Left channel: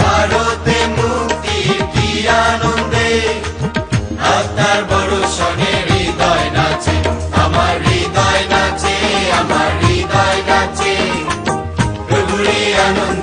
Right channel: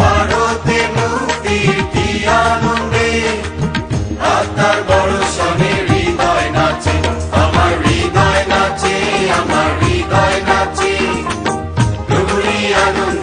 ভারতে মুক্তির কি আনন্দে আত্মার বড় সনে হৃদয় নাচে, আমার হৃদয় নাচে, আমার হৃদয় নাচে প্রভুরই আনন্দে।